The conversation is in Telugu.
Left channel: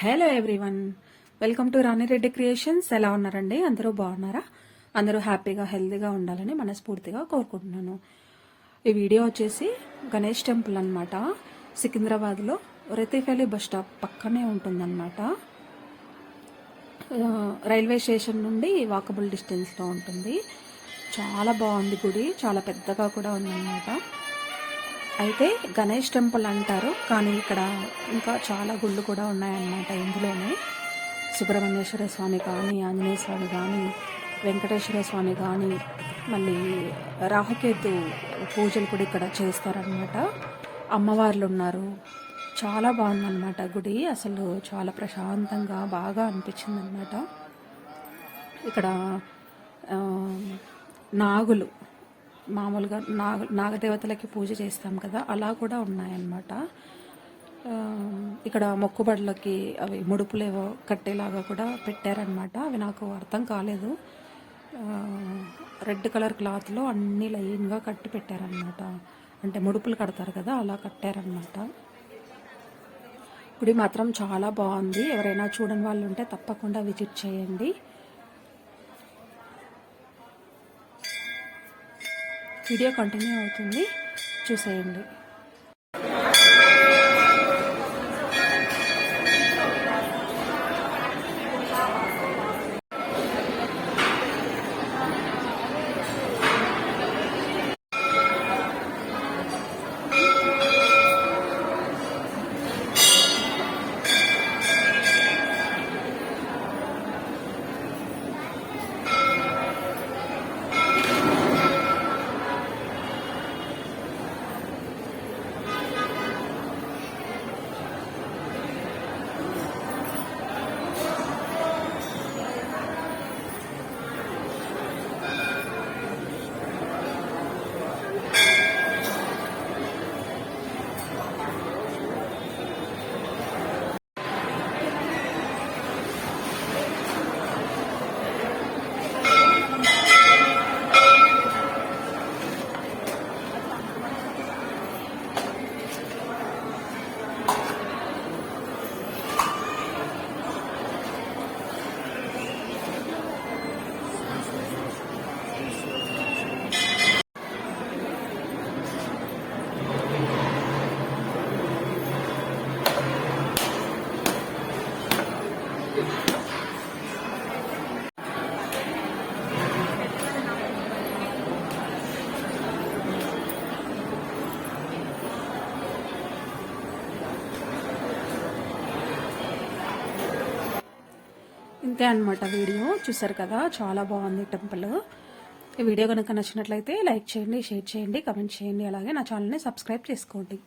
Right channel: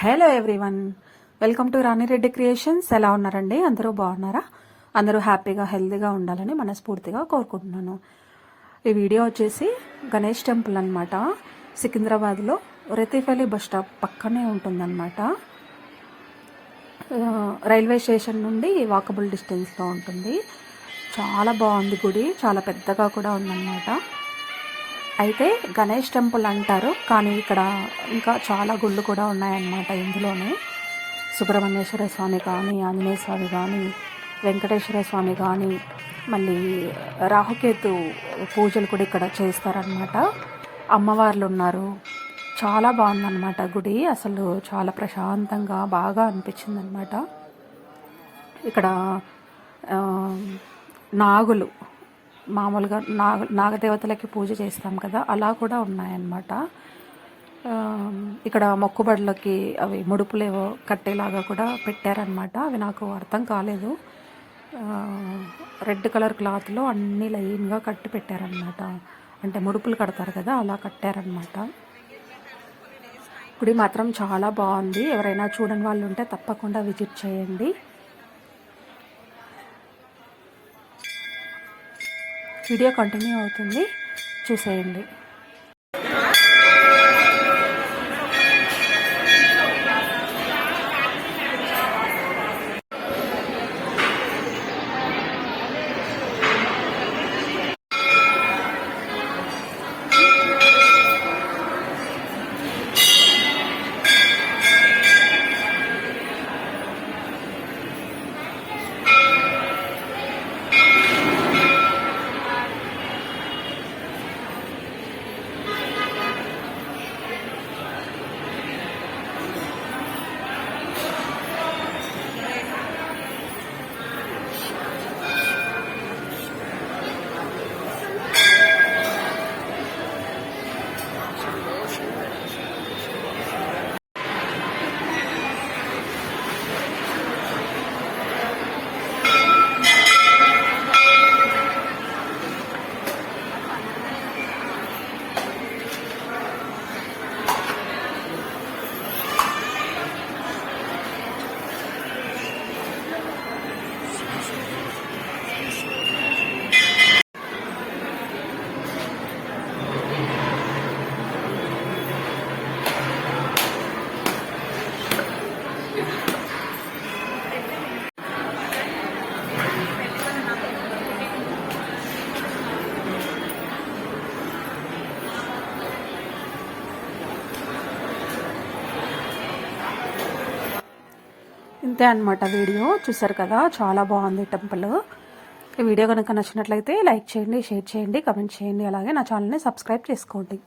Hello everyone, welcome to Rani Reddy creations. ఎలా ఉన్నారండి? అందరూ బాగున్నారా? అందరూ హ్యాపీగా హెల్తీగా ఉండాలని మనస్ఫూర్తిగా కోరుకుంటున్నాను. ఈ వీడియో వచ్చేసి గణేష్ టెంపుల్ అనమాట. సికింద్రాబాద్లో రెతిఫలి బస్ స్టాప్ పక్కనే ఉంటుందన్నమాట. రైల్వే స్టేషన్ నుండి వాకబుల్ డిస్టెన్స్లో ఉంటుంది. చాలా బాగుంది గుడి, చాలా పెద్దగా కూడా ఉందన్నమాట. అయితే గణేష్ టెంపుల్ అంటారు, కానీ ఇక్కడ ఇంకా చాలా గుళ్ళు కూడా ఉన్నాయన్నమాట. ఇందులోనే సుబ్రహ్మణ్యేశ్వర స్వామి కానీ, ఆంజనేయ స్వామి కానీ, వెంకటేశ్వర స్వామి కానీ, మళ్ళీ రాహుకేతు పూజలు కూడా ఇక్కడ చేస్తారనమాట. అమ్మవార్లు ఉన్నారు. చాలా బాగుందన్నమాట గుడి. అసలు చాలా ప్రశాంతంగా బాగా అనిపించింది అనమాట. ఇక్కడ నాగులు, మామూలుగా నాగదేవతలకి పూజ చేస్తాం కదా, అలా కూడా ఉన్నాయన్నమాట. ఇక్కడ మొక్కుబడులకి అవి ముడుపులేవో కట్టేలాగా కూడా పెట్టారనమాట. అవి నాకు అర్థం కాలేదు. రెడ్ కలర్ క్లాత్లో అన్ని లైన్గా కట్టి పెట్టారనమాట. అంటే ముడుపులు కడతారు కదా, అలా కట్టారనమాట. గుడి మాత్రం చాలా బాగుంది. ఎవరైనా చూడని వాళ్ళు ఉంటే తప్పకుండా విజిట్ చేయండి. వీడియో కంటిన్యూ అవుతుంది, చూసేయండి. ఇంతే అనమాట. వీడియో చూసారు కదా, చాలా బాగుంది టెంపుల్. ఈ వీడియో కనుక నచ్చినట్లయితే లైక్ చేయండి, షేర్ చేయండి, కమెంట్ చేయండి. అలాగే నా ఛానల్ని సబ్స్క్రైబ్ చేసుకోండి.